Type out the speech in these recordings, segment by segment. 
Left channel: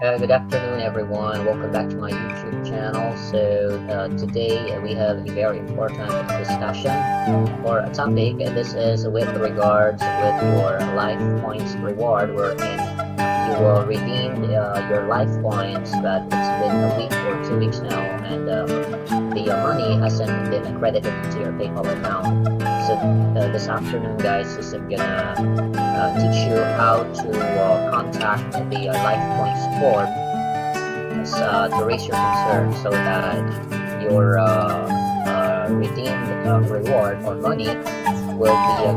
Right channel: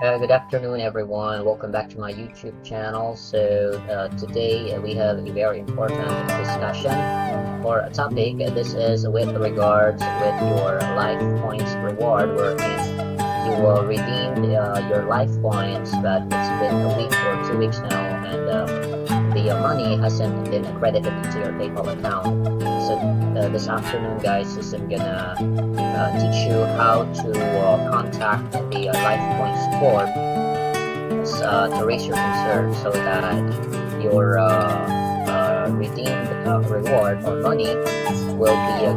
Good afternoon, everyone. Welcome back to my YouTube channel. Today we have a very important discussion or a topic. This is with regards with your life points reward, wherein you will redeem your life points, but it's been a week or 2 weeks now, and the money hasn't been credited to your PayPal account. This afternoon, guys, is I'm gonna teach you how to contact the LifePoint support to raise your concern so that your redeemed reward or money will be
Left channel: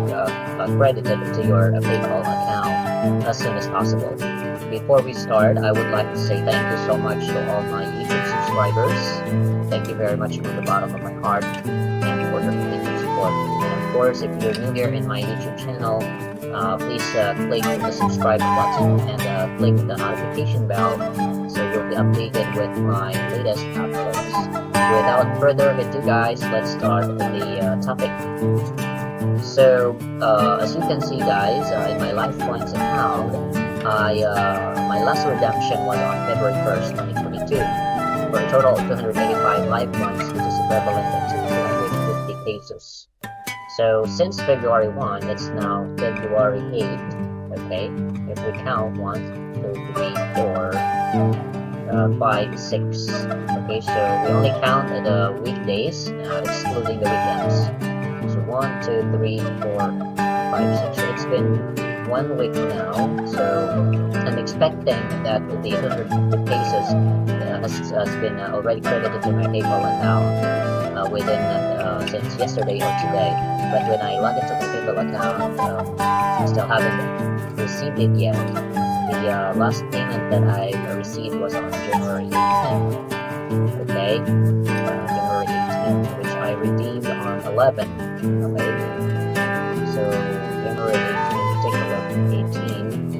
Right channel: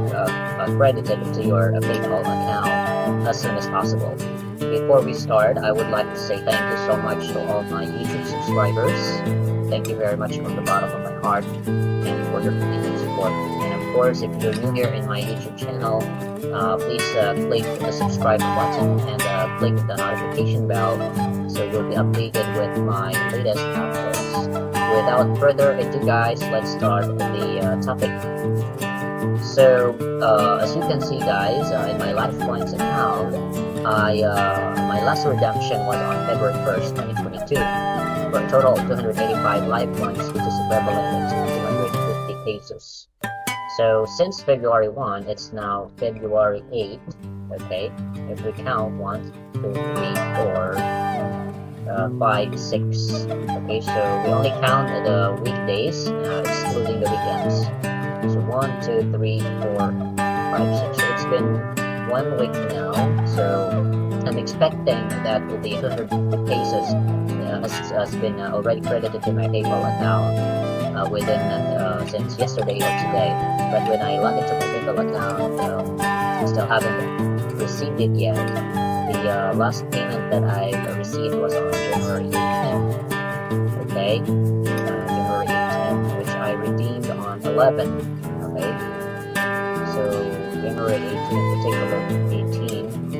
credited to your PayPal account as soon as possible. Before we start, I would like to say thank you so much to all my YouTube subscribers. Thank you very much from the bottom of my heart and for your continued support. And of course, if you're new here in my YouTube channel, please click the subscribe button and click the notification bell so you'll be updated with my latest uploads. Without further ado, guys, let's start the topic. As you can see, guys, in my LifePoints account, my last redemption was on February 1st, 2022. For a total of 285 LifePoints, which is equivalent to 250 pesos. So since February 1, it's now February 8. Okay, if we count 1, 2, 3, 4, 5, 6. Okay, so we only count the weekdays, excluding the weekends. So 1, 2, 3, 4, 5, 6. So it's been 1 week now. So I'm expecting that the 250 pesos has been already credited to my PayPal account within since yesterday or today. But when I log into my PayPal account, I still haven't received it yet. The last payment that I received was on January 18th. Okay, January 18th, which I redeemed on 11. Okay, so January 18th, to take a look, 18.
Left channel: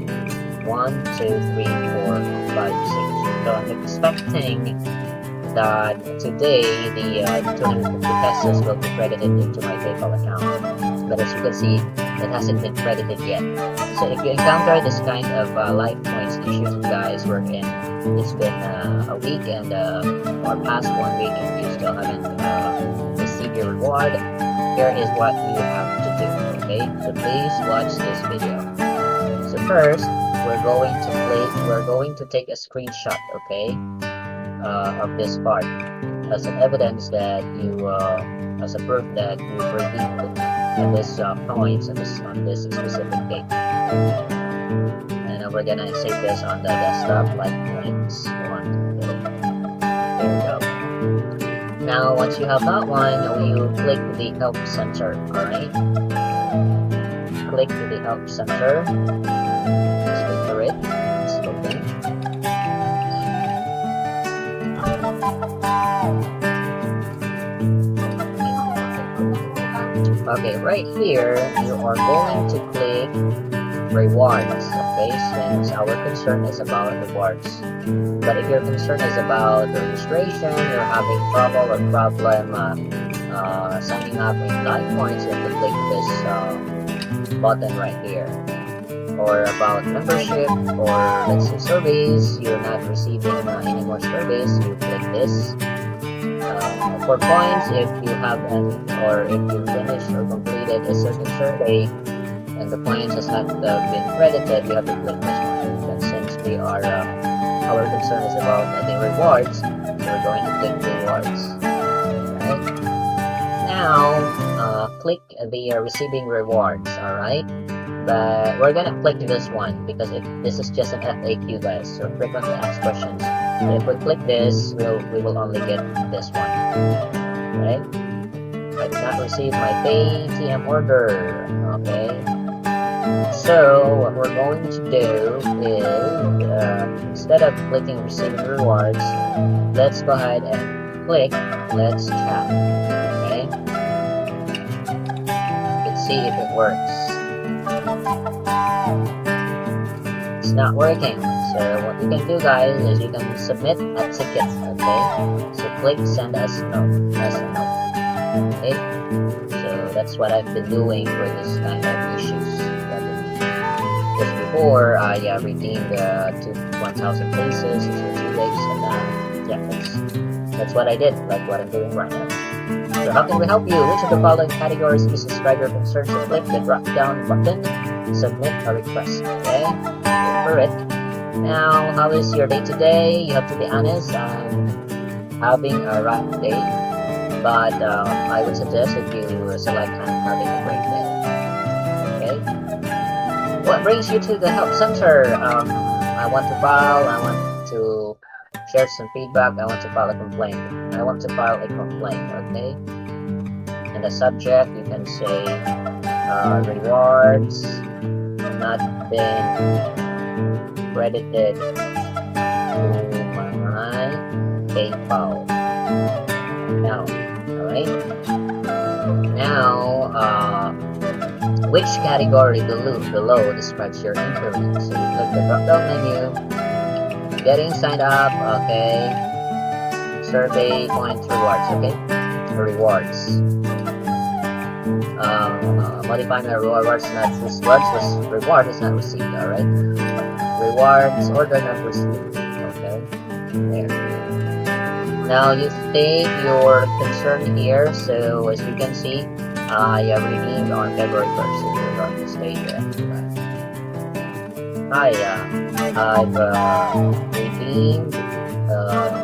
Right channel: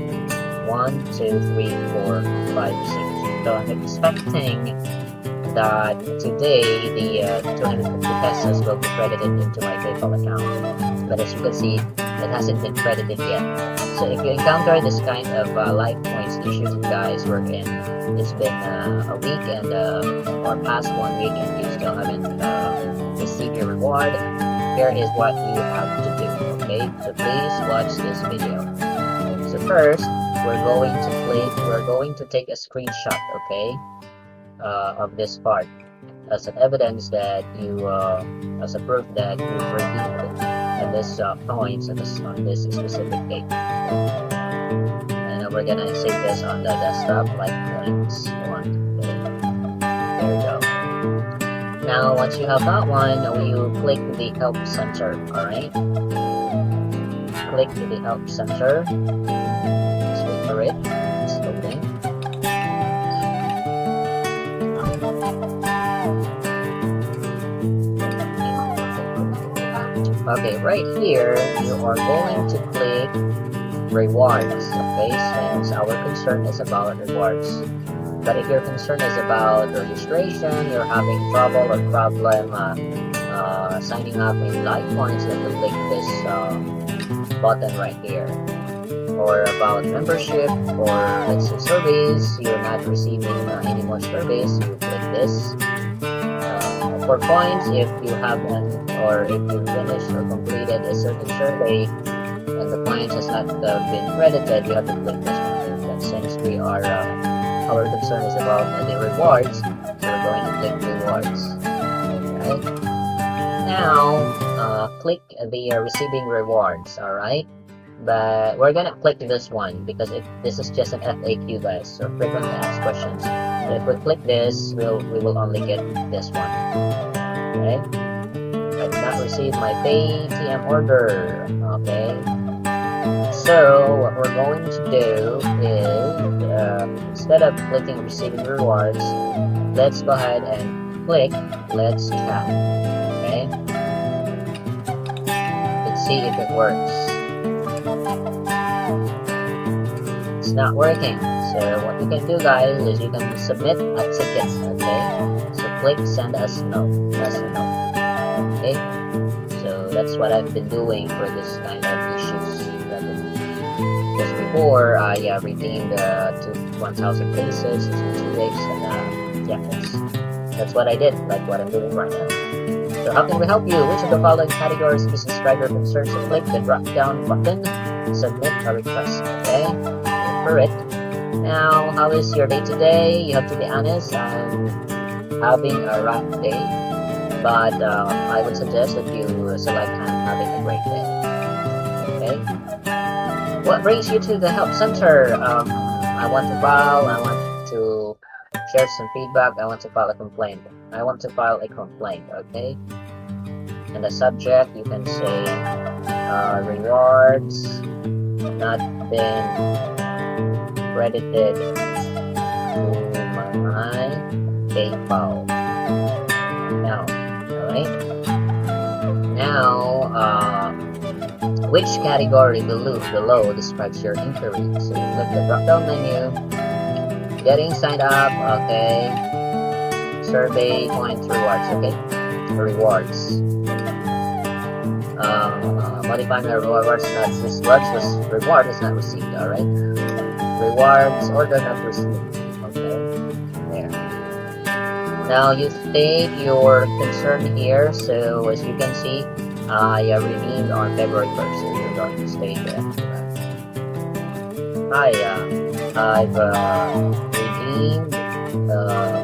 1, 2, 3, 4, 5, 6. So I'm expecting that today the 250 pesos will be credited into my PayPal account. But as you can see, it hasn't been credited yet. So if you encounter this kind of LifePoints issues, guys, wherein it's been a week and or past 1 week and you still haven't received your reward, here is what you have to do. Okay, so please watch this video. So first, we're going to take a screenshot, okay, of this part as an evidence that you, as a proof that you've redeemed this points on this specific date. Okay? And we're gonna save this on the desktop, LifePoints 1. Okay, there we go. Now, once you have that one, you click the Help Center. All right, click the Help Center. Just wait for it. It's loading. Okay, right here you are going to click rewards. Okay, since our concern is about rewards. But if your concern is about registration, you're having trouble or problem signing up in LifePoints, you have to click this button right here. Or about membership, or let's say surveys, you're not receiving any more surveys, you click this. For points, if you haven't, or if you finished or completed a certain survey and the points has not been credited, you have to click this one. But since we are our concern is about the rewards, so we're going to click rewards. Okay, now click the receiving rewards. All right, but we're gonna click this one because this is just an FAQ, guys, so frequently asked questions. So if we click this, we will only get this one. Okay, I did not receive my PayTM order. Okay, so what we're going to do is instead of clicking receiving rewards, let's go ahead and click let's chat. Okay, let's see if it works. It's not working. So what you can do, guys, is you can submit a ticket. Okay, so click send us a note. Okay, so that's what I've been doing for this kind of issues that I've been Because before I redeemed 1,000 pesos for 2 weeks, and yeah, that's what I did, like what I'm doing right now. So how can we help you? Which of the following categories is describe your concern? So click the drop down button, submit a request. Okay, wait for it. Now, how is your day today? You have to be honest. I'm having a rough day, but I would suggest that you select I'm having a great day. Okay. What brings you to the help center? I want to share some feedback. I want to file a complaint. I want to file a complaint. Okay. And the subject, you can say rewards not been credited to my PayPal account. Alright. Now, which category below describes your inquiry? So you click the drop down menu, getting signed up, okay, survey points rewards, okay, rewards. Modifying my rewards reward is not received. All right, rewards order not received. Okay, there. Now you state your concern here. So as you can see, I redeemed on February 1st. So you're going to state that. I've redeemed a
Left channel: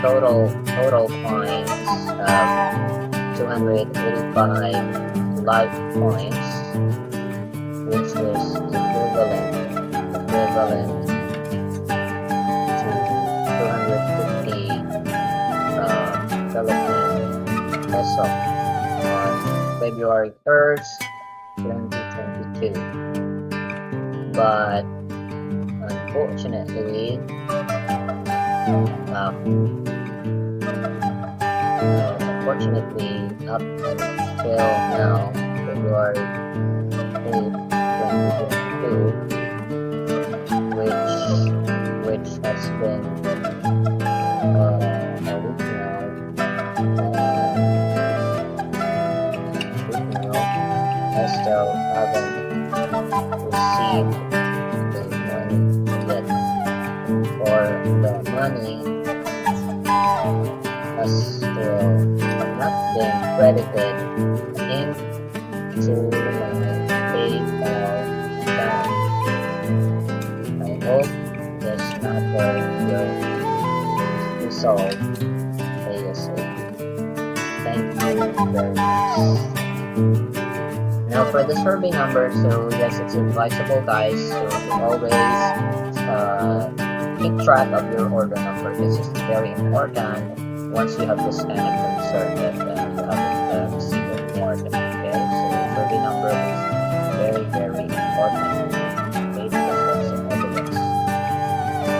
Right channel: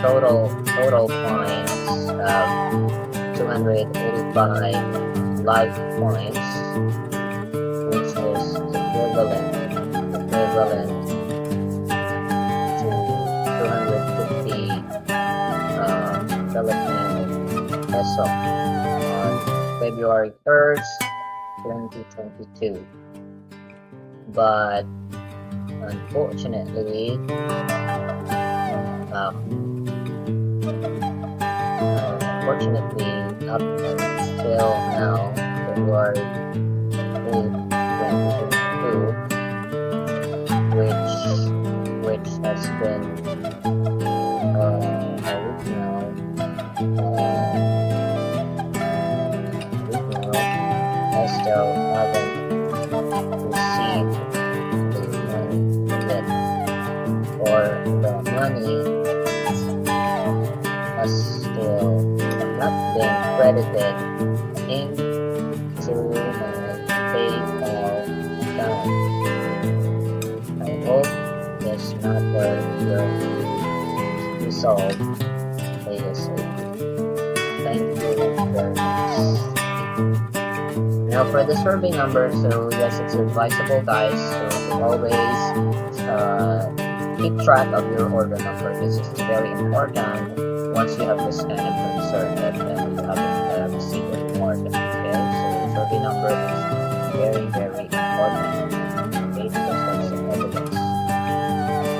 total points of 285 LifePoints, which is equivalent to 250 Philippine peso on February 1st, 2022. But unfortunately, up until now, February 8th, 2022, which has been a week now, I still haven't received the money yet, or the money has still not been credited into my PayPal account. I hope this matter will be resolved ASAP. Thank you very much. Now for the survey number, so yes, it's advisable, guys, so to always keep track of your order number, because it's very important once you have this kind of concern that you haven't received a reward. Okay, so survey number is very, very important. Okay, because that's some evidence.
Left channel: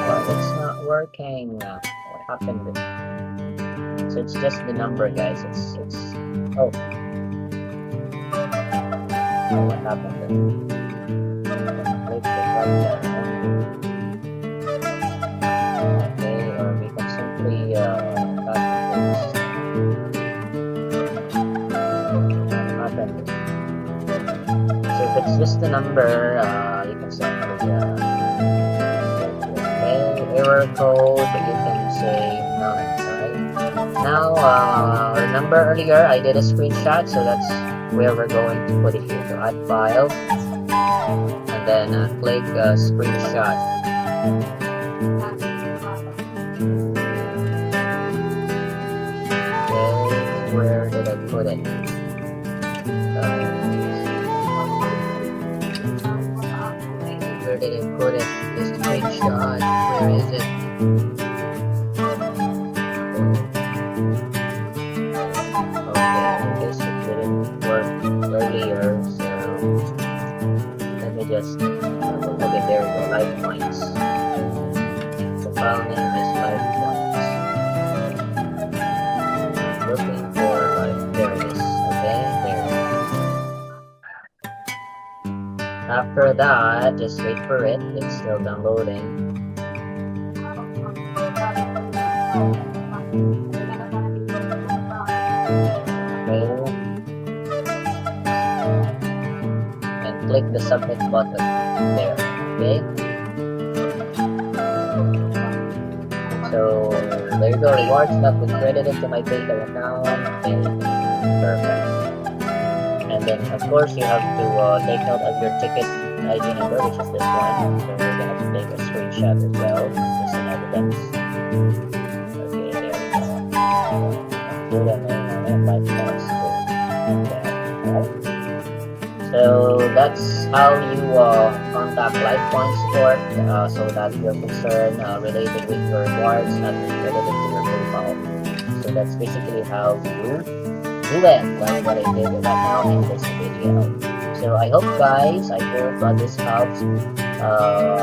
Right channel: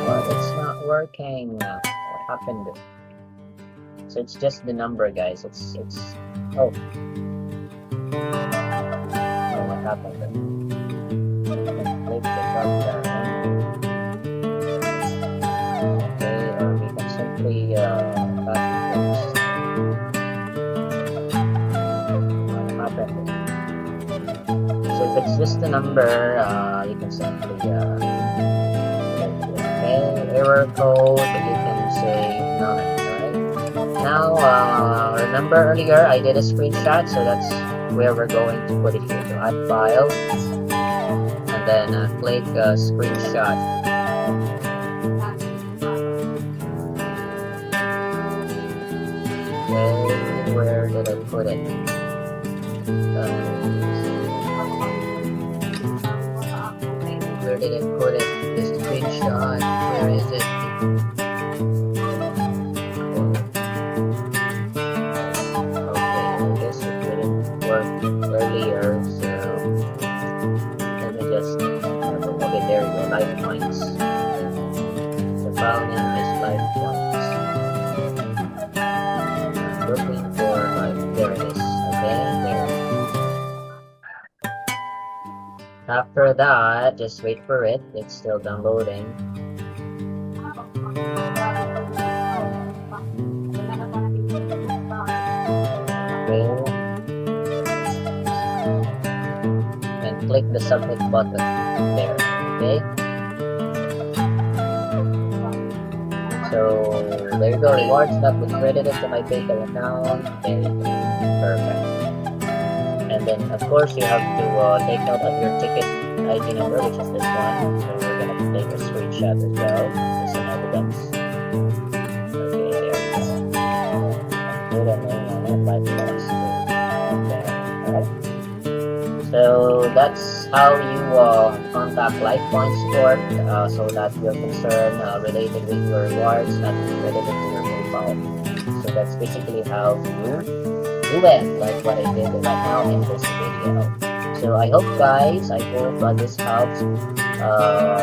Well, it's not working. What happened? So it's just the number, guys. It's oh, what happened? We can click the drop down menu. Okay, or we can simply copy paste. What happened? So if it's just a number, you can simply okay, error code, but you can say none. Alright. Now, remember earlier I did a screenshot, so that's where we're going to put it here. So add file, and then click screenshot. Okay, where did I put it? Where did I put it? The screenshot, where is it? Okay, I guess it didn't work earlier, so let me just okay, there we go, LifePoints. The file name is LifePoints. I'm looking for there it is. Okay, there. After that, just wait for it. It's still downloading. Okay. And click the submit button there. Okay, so there you go. Rewards not been credited to my PayPal account. There you go. Perfect. And then of course you have to take note of your ticket ID number, which is this one. So we're gonna take a screenshot as well, just an evidence. Okay, there you go. Put a name on it, LifePoints too. There. Alright. So that's how you contact LifePoints support, so that your concern related with your rewards not be credited to your PayPal. So that's basically how you do it, like what I did right now in this video. So I hope guys, this helps,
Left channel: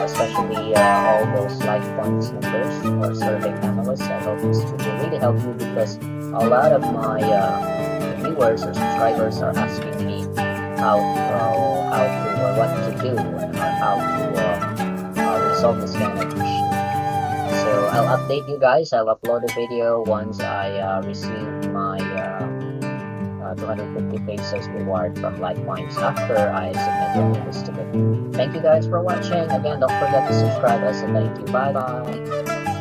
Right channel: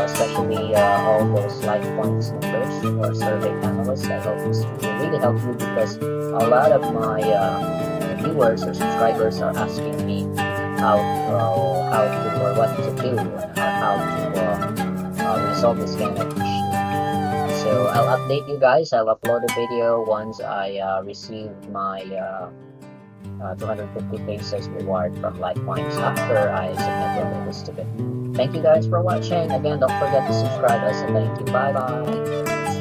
especially all those LifePoints members or survey panelists. I hope this video really help you, because a lot of my viewers or subscribers are asking me how to or what to do, or how to resolve this kind of issue. So I'll update you guys. I'll upload a video once I receive my 250 pesos reward from LifePoints after I submitted this ticket. Thank you guys for watching. Again, don't forget to subscribe as a thank you. Bye bye.